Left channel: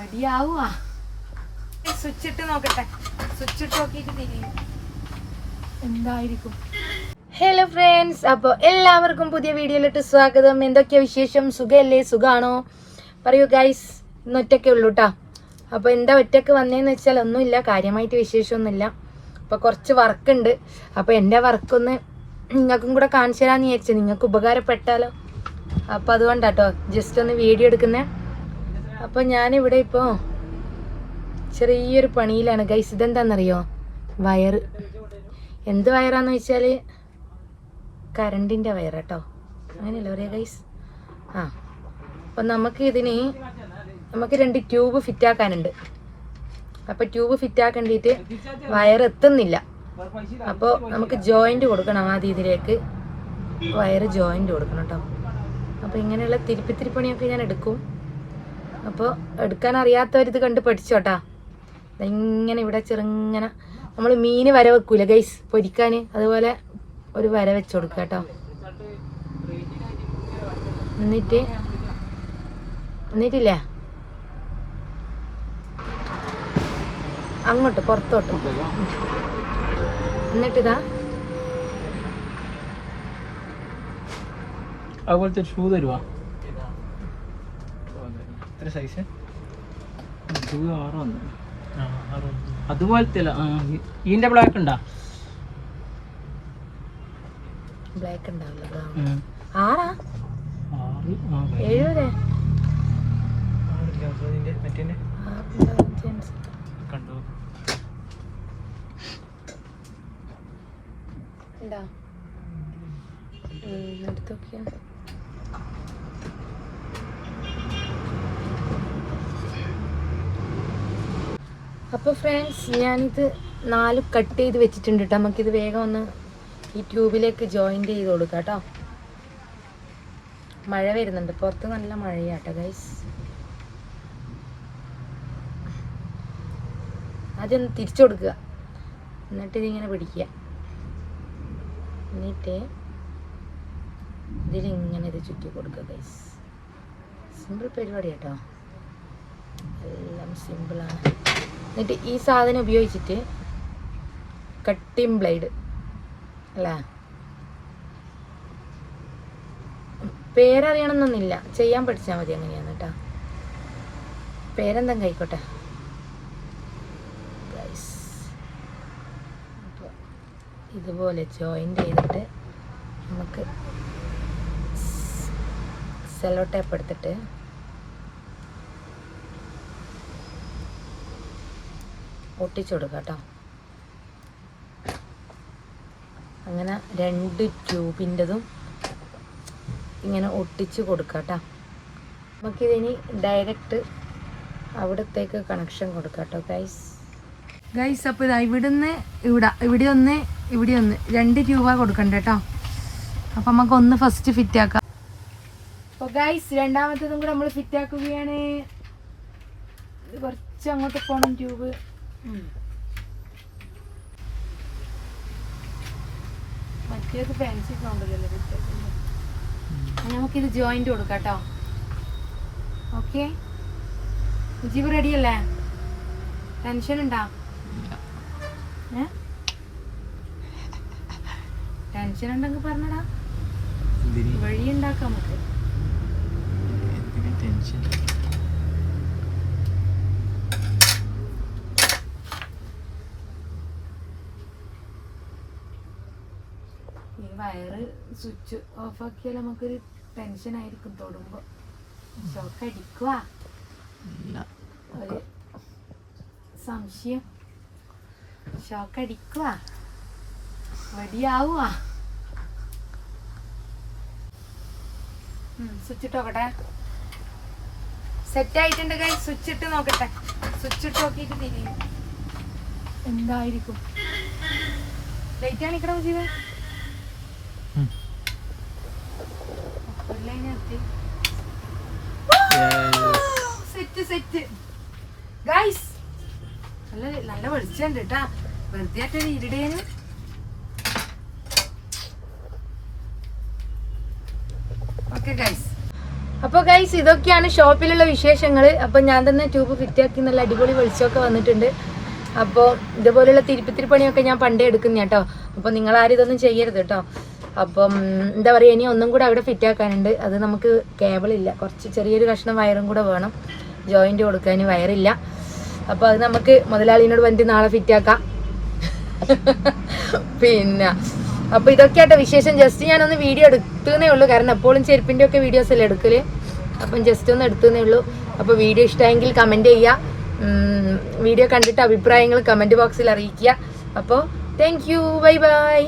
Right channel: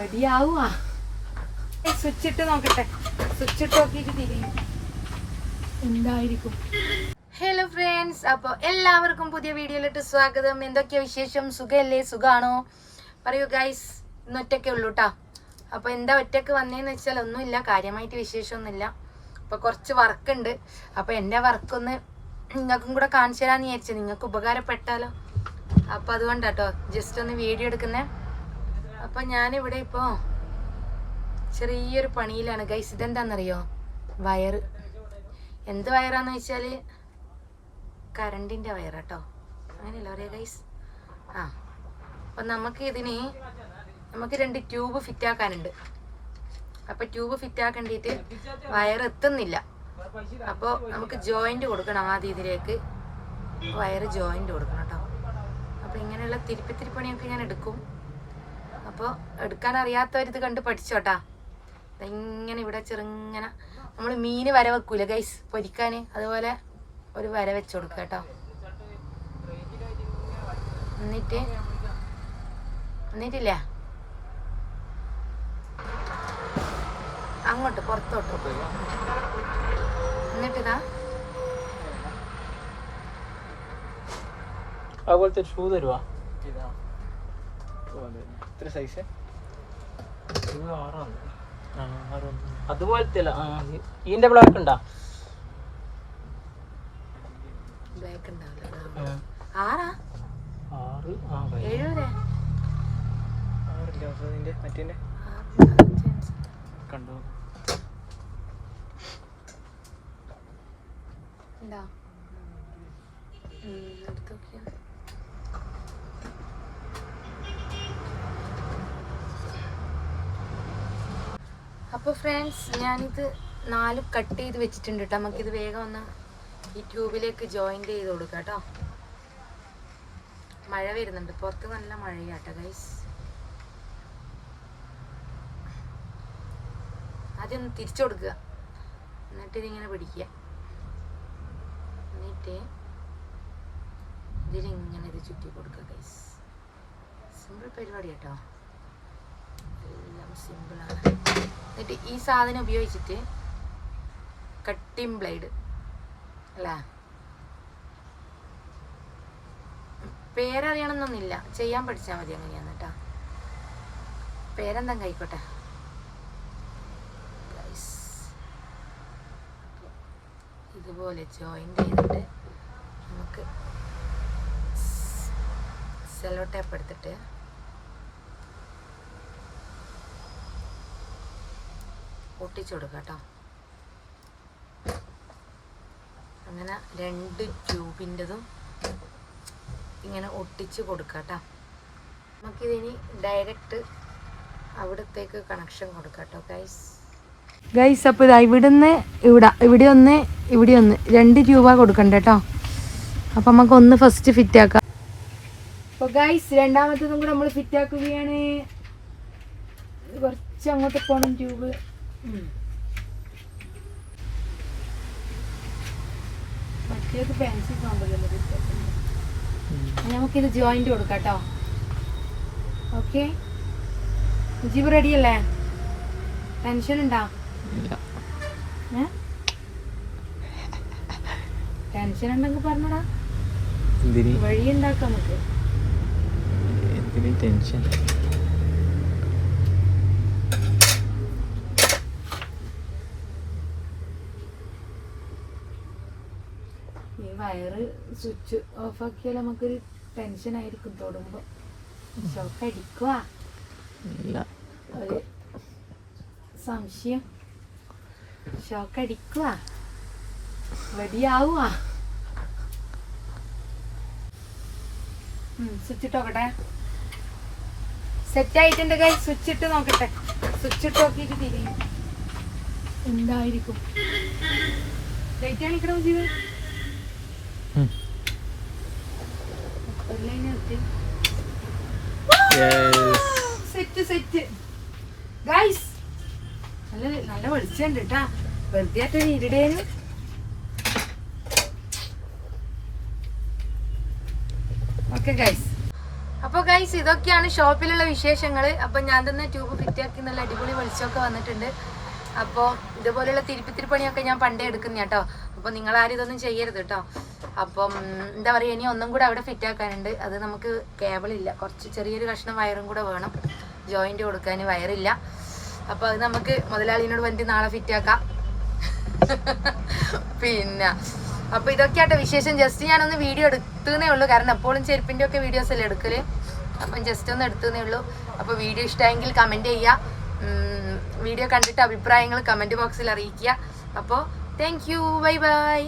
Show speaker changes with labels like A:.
A: റെഡിയാവുക switch ഇട്ട് നോക്കട്ടെ. Switch ഇട്ട് നോക്കിയിട്ട് തിരിയും. എന്തായിരിക്കും? ഹലോ ഫ്രണ്ട്സ് അപ്പോൾ എല്ലാവർക്കും പുതിയ വീഡിയോയിലിട്ട് സ്വാഗതം. എന്തൊക്കെയാ വിശേഷം? സുഖമല്ലേ സുഖാണോ? പറയൂ ഗൈസ് ഇന്ന് ഒറ്റയ്ക്കേ ഉള്ളൂ കേട്ടോ അപ്പോൾ എന്താ ഒറ്റയ്ക്ക് വന്നതെന്ന് വെച്ചാൽ ഒന്നുമില്ല കാര്യമായിട്ട് വിശേഷമൊന്നുമില്ല. അപ്പോൾ കുറച്ച് വർക്ക് ഉണ്ട് അപ്പോൾ എന്റെ വർക്കൊന്ന് നിങ്ങൾക്കും കൂടെ കാണിച്ചു തരാമെന്ന് വിചാരിച്ചു. നിങ്ങൾക്ക് ഉപകാരപ്പെട്ടാലോ? അപ്പോൾ അതുകൊണ്ടാട്ടോ ജസ്റ്റ് ഒന്ന് വീഡിയോ എടുക്കുന്നത് അപ്പോൾ ഞാനിവിടെ ഇപ്പോൾ ചെറിയൊരു പണിയിലാണ്. ഗൈസ് ഇതെന്താണെന്നറിയോ വയർ എന്ത് വയറാന്ന് വെച്ചാൽ കറണ്ടിന്റെ വയറാട്ടോ. അങ്ങനെയല്ല പറയാ ഗൈസ് ആ. അപ്പം നമുക്ക് ഇതിന് നമുക്ക് രണ്ട് ട്യൂബ് ഫിറ്റ് ആക്കാനുണ്ട് അപ്പോൾ ട്യൂബ് ഫിറ്റാക്കേണ്ടിയിട്ട് വയർ എത്തുന്നില്ല അപ്പോൾ നമുക്ക് ജോയിന്റ് കൊടുക്കണം ആദ്യം ഇതിലേക്ക്. വയർ ജോയിന്റ് കൊടുക്കണം കേട്ടോ അപ്പോൾ ഇങ്ങനെയുള്ള തിരുപ്പിത്തിരി പണിയൊക്കെ ഞാൻ എടുക്കും. അപ്പോൾ എടുക്കാൻ അറിയാത്തവരിത് കണ്ട് പഠിച്ചോട്ടാ. ഇങ്ങനെ ഇവിടെ ചെറുങ്ങനെ നമ്മൾ മീൻ വര വെക്കൂല ഗൈസ് പൊരിക്കാൻ അതുപോലെ ഒരു വര വെച്ച് കൊടുക്കുക കേട്ടോ എന്നിട്ട് എന്നിട്ടില്ലേ? അങ്ങോട്ട് പുറത്തോട്ട്. എന്നിട്ടിതാ.
B: അതുപോലത്തെ ഷൂ തരുവാ. എത്ര സൈസ് അതുപോലത്തെ ഇതിന്റെ ബ്ലാക്ക് ഉണ്ടാ?
A: ബ്ലാക്ക് ഉണ്ടാവില്ല. ആറാ? എടുത്ത് നോക്കിയാ അപ്പോൾ ഫ്രണ്ട്സ് ഞാനിത് നാല് കട്ട് ചെയ്ത് വെച്ചിട്ടുണ്ട് കേട്ടോ നമുക്കിത് വേഗം ഒന്ന് ഈ ട്യൂബിലേക്ക് ജോയിന്റ് ചെയ്ത് കൊടുക്കാം കേട്ടോ മഴ വരുന്നുണ്ട്. പുറത്ത് നല്ല മഴയാട്ടോ ഗൈസ് ആദ്യം തിരിച്ചു കൊടുക്കുക. എന്നിട്ട് ഇതിങ്ങനെ പിടിക്കുക. എന്നിട്ട് ഇതിലിങ്ങനെ ഇത് ചുറ്റി കൊടുക്കുക ഗൈസ് സിമ്പിൾ പരിപാടി കേട്ടോ എല്ലാം സിമ്പിളാണ് എന്നിട്ട് ഈ സാധനം ഉപയോഗിച്ചിട്ട് കട്ടിങ് ബ്ലേഡ് അല്ലേ? പേരറിയണമെന്നൊന്നുമില്ല. ചെയ്യാൻ പഠിച്ചാൽ മതി അങ്ങനെയാണ് കേട്ടോ. പേരെന്താ കഴിക്കോട്ടെ ഇതുപോലെ ജോയിന്റ് ചെയ്തിട്ട് നമുക്ക് സെലോ ടേപ്പ് എടുത്തിട്ട് ഒട്ടിച്ചു കേട്ടോ അങ്ങനെ രണ്ട് ട്യൂബിന്റെതും ഇങ്ങനെ ഒട്ടിച്ച് കൊടുക്കാം കേട്ടോ നമുക്കിതിനി ഡയറക്റ്റ് അവിടത്തേക്ക് കണക്ഷൻ കൊടുക്കാം കേട്ടോ ഗൈസ് ഗൈസ് അപ്പോൾ ഇതാ ഇവിടുന്ന് ഇവിടെ ഇവിടെ ഒന്ന് ഇവിടെ ഒന്ന്. രണ്ട് ട്യൂബാ കൊടുക്കണ്ട കേട്ടോ അപ്പം നമുക്ക് ഒന്ന് ഫസ്റ്റ് ഫിറ്റ് ആക്കാം. അപ്പോൾ ഗൈസ് രണ്ടാമത്തേതും കൂടെ നമ്മൾ ഫിറ്റ് ആക്കുകയാണ്. കുറച്ച് അങ്ങോട്ട് പോകണം ട്യൂബ് മറ്റേത് നമുക്കിത് ജോയിന്റ് കൊടുക്കാം കേട്ടോ ഓക്കെ ജീവ് റെഡി അല്ലേ ടെൻഷൻ ഉണ്ടോ? ടെൻഷൻ ഉണ്ടെങ്കിൽ പറഞ്ഞടാ. വഴി ഉണ്ടാക്കാം നമുക്ക്.
B: ടെൻഷൻ
A: വയറ് സ്വിച്ച് ഓഫ് ആക്കിയാൽ നമുക്കൊരു ടെൻഷൻ ആയിരിക്കും തൊടുമ്പോ. ഷോക്ക് ഒരു സംശയം. ഷോക്ക് അടിക്കുക വെടിയാവുക സ്വിച്ച് ഇട്ടോക്കട്ടെ സെറ്റ് ആയിട്ടുണ്ട് കൈ സ്വിച്ച് ഇട്ട് നോക്കട്ടെ. സ്വിച്ച് ഇട്ട് നോക്കിയിട്ട് തിരിയും. എന്തായിരിക്കും? ലൈറ്റ് കാണിക്കണോ ജീവൻ. സെറ്റ് സെറ്റ് ഗൈസ് നല്ല നല്ല വെളിച്ചുണ്ട് കേട്ടാ. വെറുതെ ആയിട്ട് ഇരുടേന്ന്. ഓക്കെ ഗൈസ് അപ്പോൾ ഗൈസ് ഇതൊക്കെയാണ് ഷോപ്പിലുള്ള വിശേഷങ്ങൾ അപ്പോൾ ഞാൻ തന്നെ ട്യൂബ് ഫിറ്റാക്കി നല്ല അടിപൊളി വെളിച്ചമൊക്കെ വന്നിട്ടുണ്ട്. അപ്പോൾ ഇതുപോലെയുള്ള തിരുപ്പിത്തിരി പണിയൊക്കെ ഞാൻ പണ്ടേ എടുക്കുന്ന കേട്ടോ അപ്പോൾ നിങ്ങൾ ആരും ഇതൊന്നും ചെയ്യരുത് കേട്ടോ അപ്പം എന്താ പറയുക ഇനി ഒന്നും കൂടെ അവിടെ ഫിറ്റ് ആക്കാനുണ്ട്. അത് നമുക്ക് കേബിളില്ല കുറച്ച് ചെറിയൊരു കഷ്ണം വയറും കൂടെ വേണം. ജോയിന്റ് കൊടുക്കാൻ വയറില്ല. അപ്പോൾ അത് നമുക്ക് മുതലാളിനോട് വണ്ടി നാളെ ഫിറ്റ് ആക്കാം. പിന്നെ അപ്പൊ ഇതൊക്കെയായിട്ട് വിശേഷം. ജസ്റ്റ് ഞാനൊന്ന് വീഡിയോ എടുത്തേ ഉള്ളൂ. കാരണം എപ്പോഴും ചെരുപ്പിന്റെ ഒക്കെ വീഡിയോസ് അല്ലേ എടുക്കൽ? അപ്പം ജസ്റ്റ് ഒന്ന് എടുത്തേ ഉള്ളൂ. അപ്പോൾ വീഡിയോ ഇഷ്ടമെങ്കിൽ കമന്റ് ചെയ്യുക വീഡിയോ കണ്ടിട്ട് അഭിപ്രായങ്ങൾ കമന്റ് ബോക്സിൽ അറിയിക്കുക. അപ്പോൾ താങ്ക് യു ബൈ ബൈ